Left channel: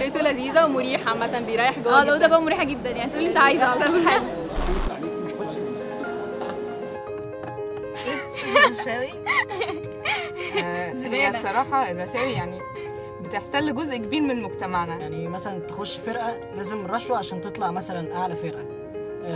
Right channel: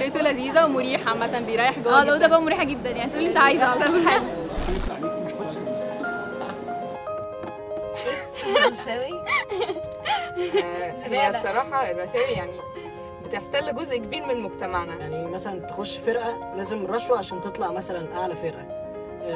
فكرته لذيذه ومريحه عامه، بيريح جوه. الاوضه جوه مريحه جدا، يعني تقول اللي انت عايزه. احساس حلو. هي الصراحه الرشاوي يعني بتحتل جزء كبير من مجتمعنا. يعني مثلا تخش فرقه لازم رشوه عشان تطلع مثلا اعلى فرقه،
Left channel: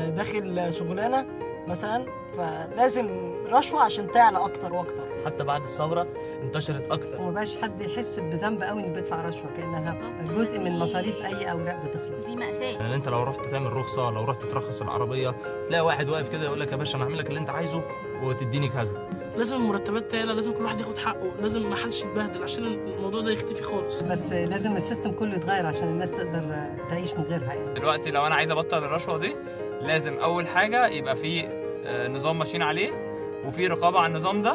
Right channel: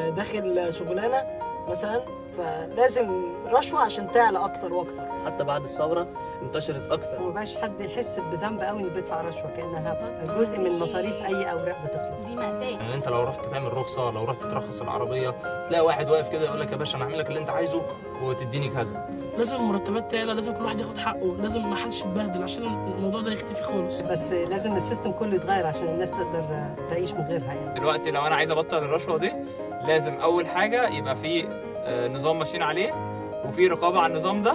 داخل شغلانه مثلا فلازم رشوه عشان تعلى اكتر واكتر. حتى بعد الثوره انتشرت اكتر ومبقاش حد يحس بذنب قوي انه بيدفع رشوه، كانها جزء من مصاريف اي اوراق بتخلص. دي مأساة. يعني انت لو رحت تعمل رخصه، لو رحت ترخص العربيه، تلاقي واحد واقف كده يقول لك يا باشا انا هعمل لك اللي انت عايزه وتديني كذا. لازم المرتبات تعلى، لازم كل واحد ياخد حقه، لازم ما حدش يتبهدل عشان الموضوع ده يختفي خالص. بس لازم السيستم كله يتغير عشان الناس تقدر تعيش من غيرها. يعني دلوقتي لو انا عايز ابطل الرشوه دي، لازم اول حاجه يبقى في نظام ماشيين عليه وفي رقابه على النظام ده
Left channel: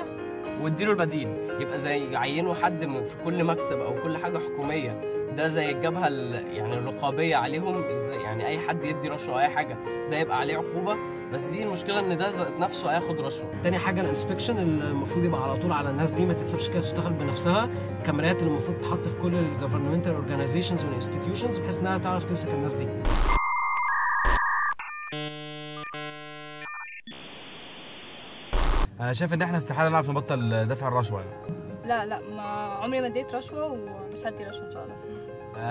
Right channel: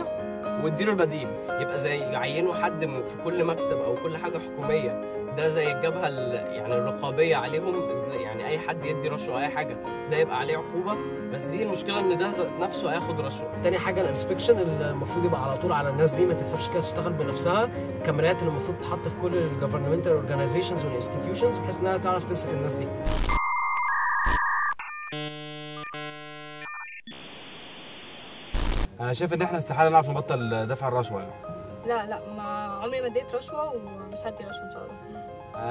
واديله البديل. يبقى زي يعينوا حد في كل مكتب او كل حاجه حكوميه، ده زي الجبهه يعني الرقابيه عليهم. يعني اي حد يدي رشوه اي حاجه ده يبقى عليه عقوبه. بس دي المشكله ان ده ذات نفسه هياخد رشوه. تاني حاجه الانسبكشن المفروض يبقى على طول على الناس دي، ما تتسيبش كده تشتغل بنفسها. الكاميرات اللي المفروض تحط في كل الجفرمنتال اورجانيزيشنز والانستتيوشنز بحيث انها تعرف تمسك الناس دي. انا شايف ان احنا استحاله نعرف نبطل دفع الرشوه. لا ما عمري ما اديت رشوه ومش هدي رشوه ان شاء الله.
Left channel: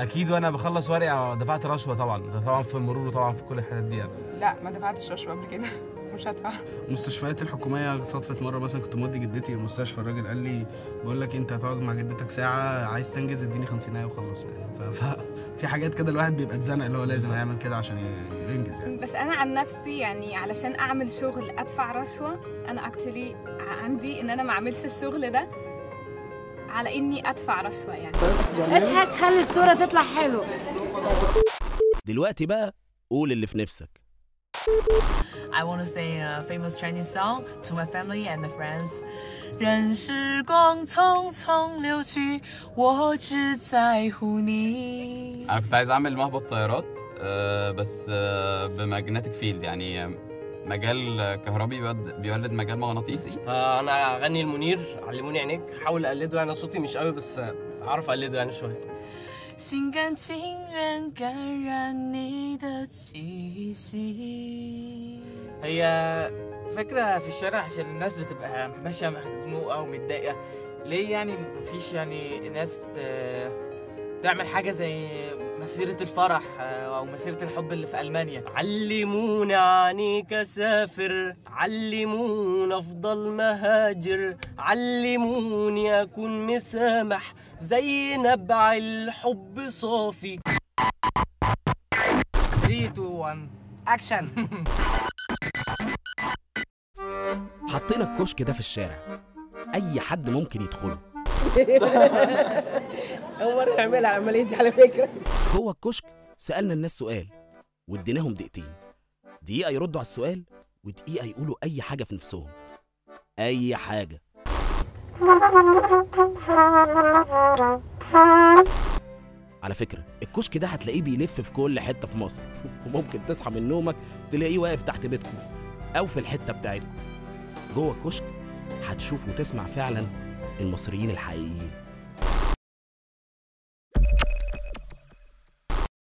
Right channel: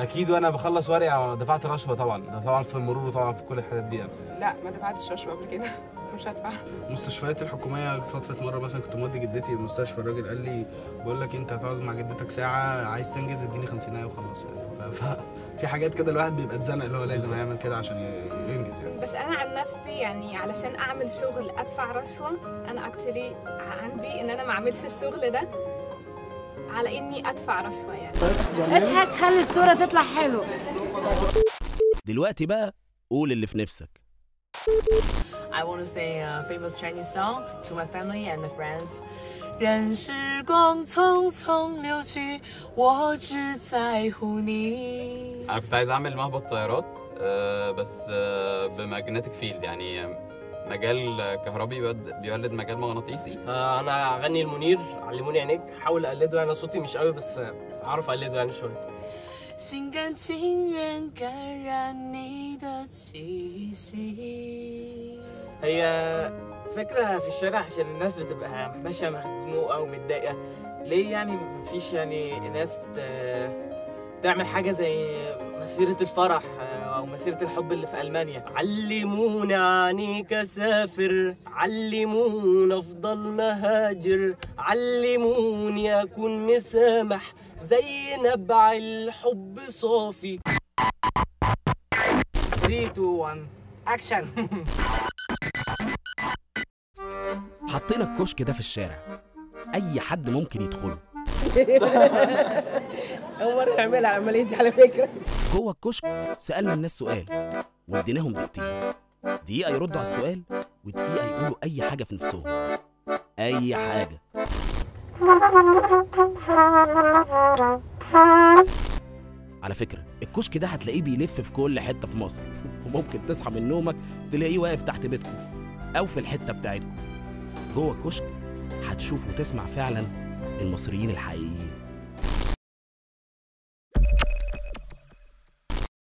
اكيد وانا بخلص ورقه دفعت رشوه طبعا في المرور وطبعا في كل الحاجات دي يعني. لا ما دفعتش رشوه قبل كده، مش هدفع. المستشفيات الحكوميه صدفت مره مثلا كنت مودي جدتي المستشفى، الراجل قال لي بقول لك انت هتقعد مع جدتك ساعه، عايز تنجز اديني 50 وخلص يعني. في حاجات كده الواحد بيبقى اتزنق اللي هو لازم هيعمل كده عشان ينجز يعني. بس انا عن نفسي يعني علشان اعمل شغل ادفع رشوه، انا اكتري عندي ان انا ما اعملش الشغل ده على اني ادفع رشوه. يعني اضحك خلي الصوره تطلع حلوه. دلوقتي بقى قول اللي في نفسك. I want to say a famous Chinese song to my family and my friends. 任时光匆匆流去，我只在乎你. انا كنت عايز اعمل مهبط طيارات بس بماجنتيك فيلد، يعني مجال كهربي بيولد مجال مغناطيسي. انا اغني المنير علموني عينيك، حاول اقلده. يعني صوتي مش قوي بس اعرف اقلده يعني شويه. 心甘情愿感染你的气息. هي فكره في الشارع عشان الناس بتبقى ماشيه مخنوقه ومتضايقه. ليه يعني مفيش يعني ناس تعمل حاجه زي مسيره الفرح او مسيره الحب اللي في المانيا؟ علموني عنيك اسافر، علموني افضل مهاجر، علموني اكون مسامح زي نبع الحب صافي. 3 2 1 اكشن. حطينا الكشك ده في الشارع، اي حد ممكن يدخله. اول مره نعملها العمليه دي على فكره. جوه الكشك سالنا الناس سؤال واديناهم دقيقتين، دقيقه يردوا على السؤال ودقيقه يقولوا اي حاجه في نفسهم، اي حاجه. على فكره الكشك ده هتلاقيه بيلف في كل حته في مصر، وممكن تصحى من نومك تلاقيه واقف تحت بيتكم او في الحته بتاعتكم. جوه الكشك هتشوف وتسمع فعلا المصريين الحقيقيين.